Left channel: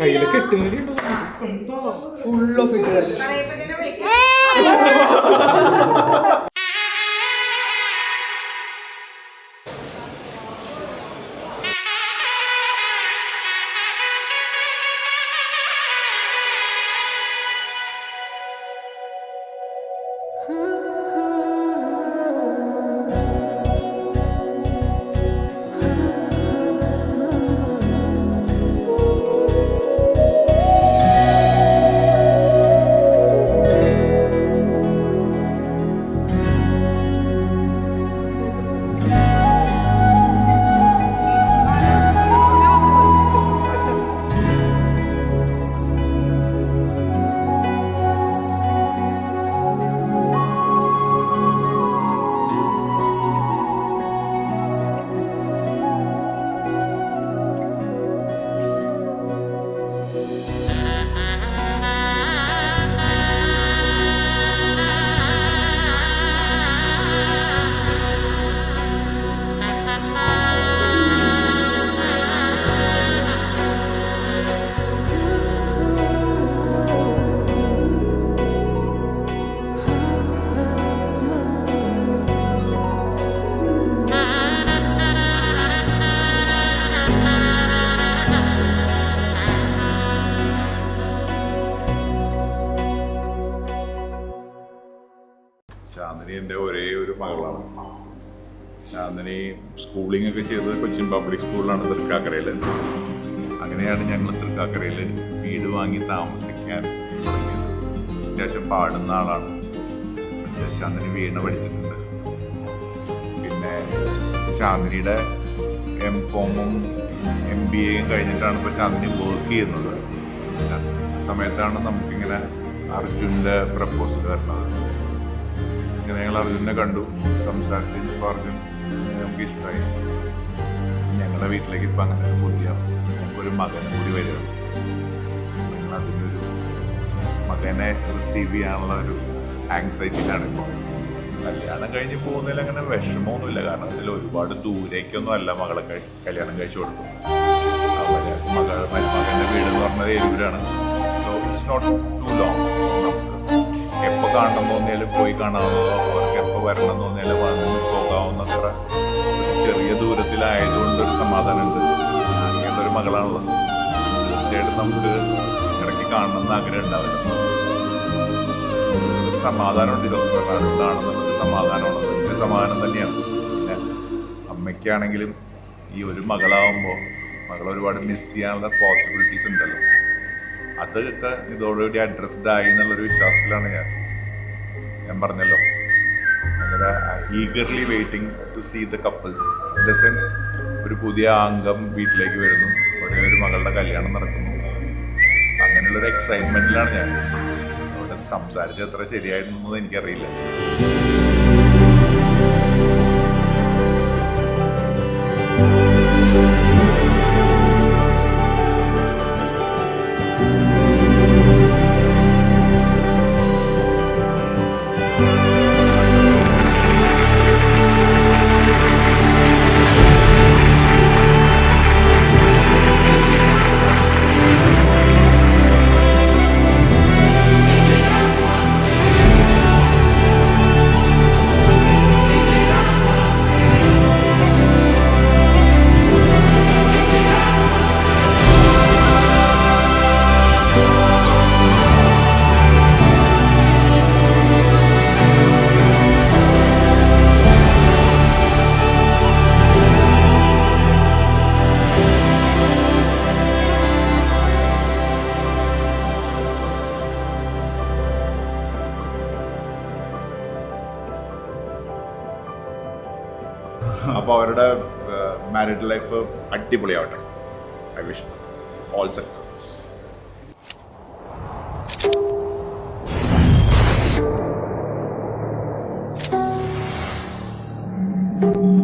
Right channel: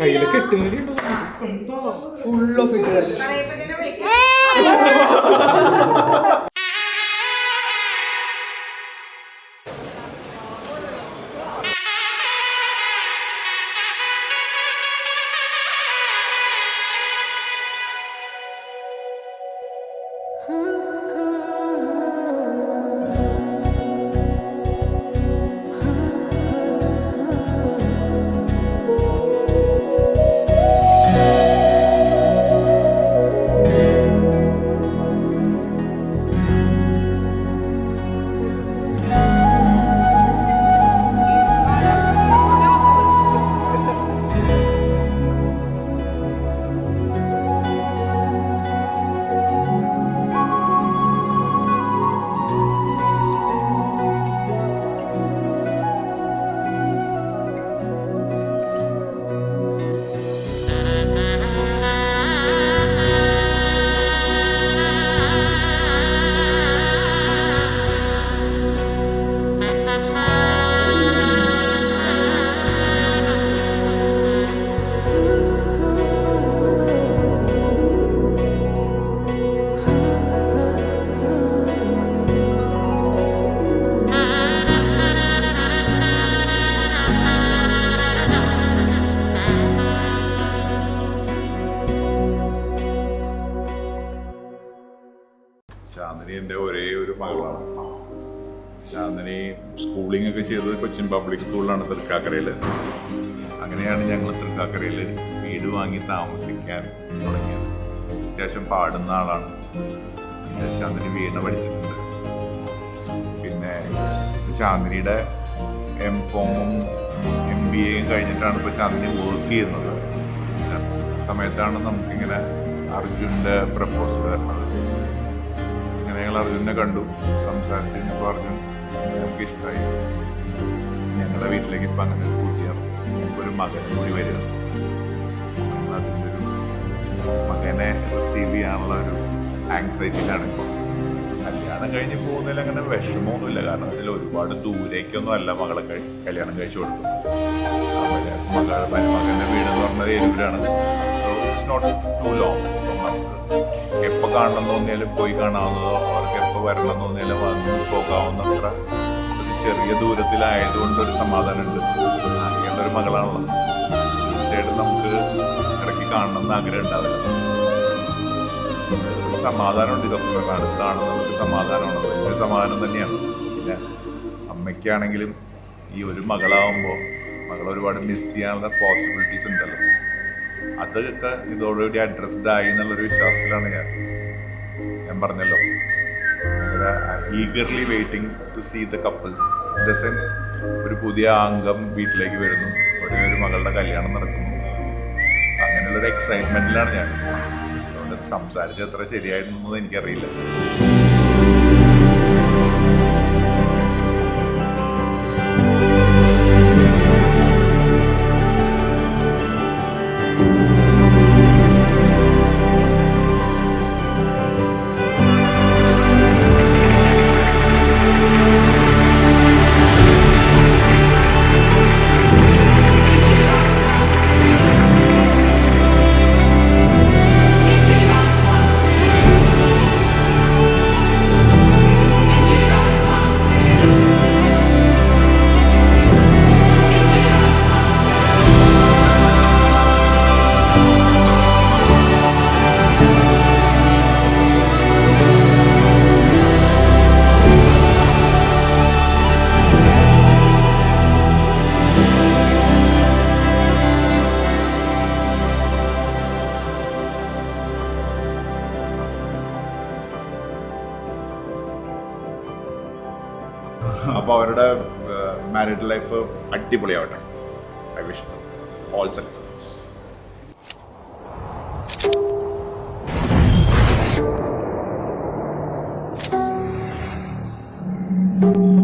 കയ്യിലൊക്കെ full of ഇട്ട് ചാന്ദിനി എൻ്റെ ഒരേ ഒരു മകളാണ്. ചാന്ദിനി സ്കൂളിംഗ് ഒക്കെ ചെയ്തത് കൊച്ചിൻ പബ്ലിക് സ്കൂളിലാണ് തൃക്കാക്കരയിൽ. അങ്ങനെയാണ് ഞങ്ങൾ തൃക്കാക്കരയിൽ വീട് വാങ്ങി താമസിക്കാൻ തുടങ്ങിയത്. അത്യാവശ്യം പാടുന്ന ആളാണ്. ചാന്ദിനി വീണ പഠിച്ചിട്ടുണ്ട്. പിന്നെ ചാന്ദിനിയുടെ M.Com.ഉം MBAയും കഴിഞ്ഞിട്ടാണ് ഇപ്പോൾ ചാന്ദിനി വർക്ക് ചെയ്യുന്നത്. ആ സമയത്താണ് നമുക്കിങ്ങനെ അർജുൻ്റെ പ്രപ്പോസൽ വരുന്നത്. ഇങ്ങനെ ഞങ്ങൾ അർജുനെ കണ്ടു, സംസാരിച്ച് കഴിഞ്ഞപ്പോൾ അർജുൻ നമുക്ക് ഇഷ്ടമായി. ഞങ്ങളുടെ വീട്ടിലേക്ക് ഇപ്പം അങ്ങനെ ഒരു പുതിയ ഞങ്ങൾക്കൊരു മകനും കൂടി വരിക. ഞങ്ങൾ അതിൻ്റെ ഒരു മകനെ റിസീവ് ചെയ്യാനുള്ള ഒരു ആങ്സൈറ്റിയിലാണ് ഇപ്പോൾ. കല്യാണം കഴിഞ്ഞ് പോകുന്നതിൽ അങ്ങനെ വിഷമമൊന്നുമില്ല. കാരണം അതിൽ ഒരുപാട് ദൂരേക്കൊന്നും അല്ല മകളെ കല്യാണം കഴിച്ചു കൊടുക്കുന്നത്. മകൻ്റെ വീടെന്ന് പറഞ്ഞത് എരൂരാണ്. So it's not too long. നമുക്ക് എപ്പോൾ കാണണം തോന്നിയാലും പോയി കാണാവുന്നതോ അവർക്ക് എപ്പോൾ വരണം തോന്നിയാലും വന്ന് പോകാവുന്നത്ര ഒരു ചെറിയ ദൂരത്തിലായതുകൊണ്ട് ഒരു സമാധാനമുണ്ട്. അങ്ങനെയുള്ളൊരു മകളാണല്ലോ. തീർച്ചയായിട്ടും നമുക്ക് ഇടയ്ക്ക് കാണണമെന്ന് ആഗ്രഹം ഉണ്ടാവില്ല. ഒരു സമാധാനമുണ്ട്. ഇതൊക്കെ പറഞ്ഞാൽ അടുത്താണെന്നുള്ളൊരു സമാധാനമാണ്. വലിയൊരു സമാധാനം തന്നെയാണ്. പിന്നെ അമ്മയ്ക്കാണെങ്കിലും ഈ ഒരു മകളാവുമ്പോൾ മകളെ ഒരുപാട് മിസ് ചെയ്യാനുള്ള പോസിബിലിറ്റീസ് ഉണ്ടല്ലോ. അതൊക്കെ ഇതോടുകൂടി അഡ്രസ്ഡ് ആയി എന്നുള്ളൊരു വിശ്വാസത്തിലാണ് ഞാൻ പറഞ്ഞല്ലോ. ഭയങ്കര eagerly waiting to see the couples. In the sense ഒരു പുതിയ അംഗം വീട്ടിലേക്ക് വരുന്നു, ഇവിടെ ഒരു മകളുടെ കല്യാണം നടക്കുന്നു. അങ്ങനെയുള്ളൊരു എക്സൈറ്റ്മെൻറ്റിലാണ് ഞാൻ. അതുകൊണ്ട് സംസാരിച്ചത് എത്ര ശരിയായിരുന്നൊന്നും എനിക്കറിയില്ല. അപ്പോൾ അവരുടെ മാരിഡ് ലൈഫ് അടിപൊളിയാവട്ടെ. I wish all success. നന്ദി.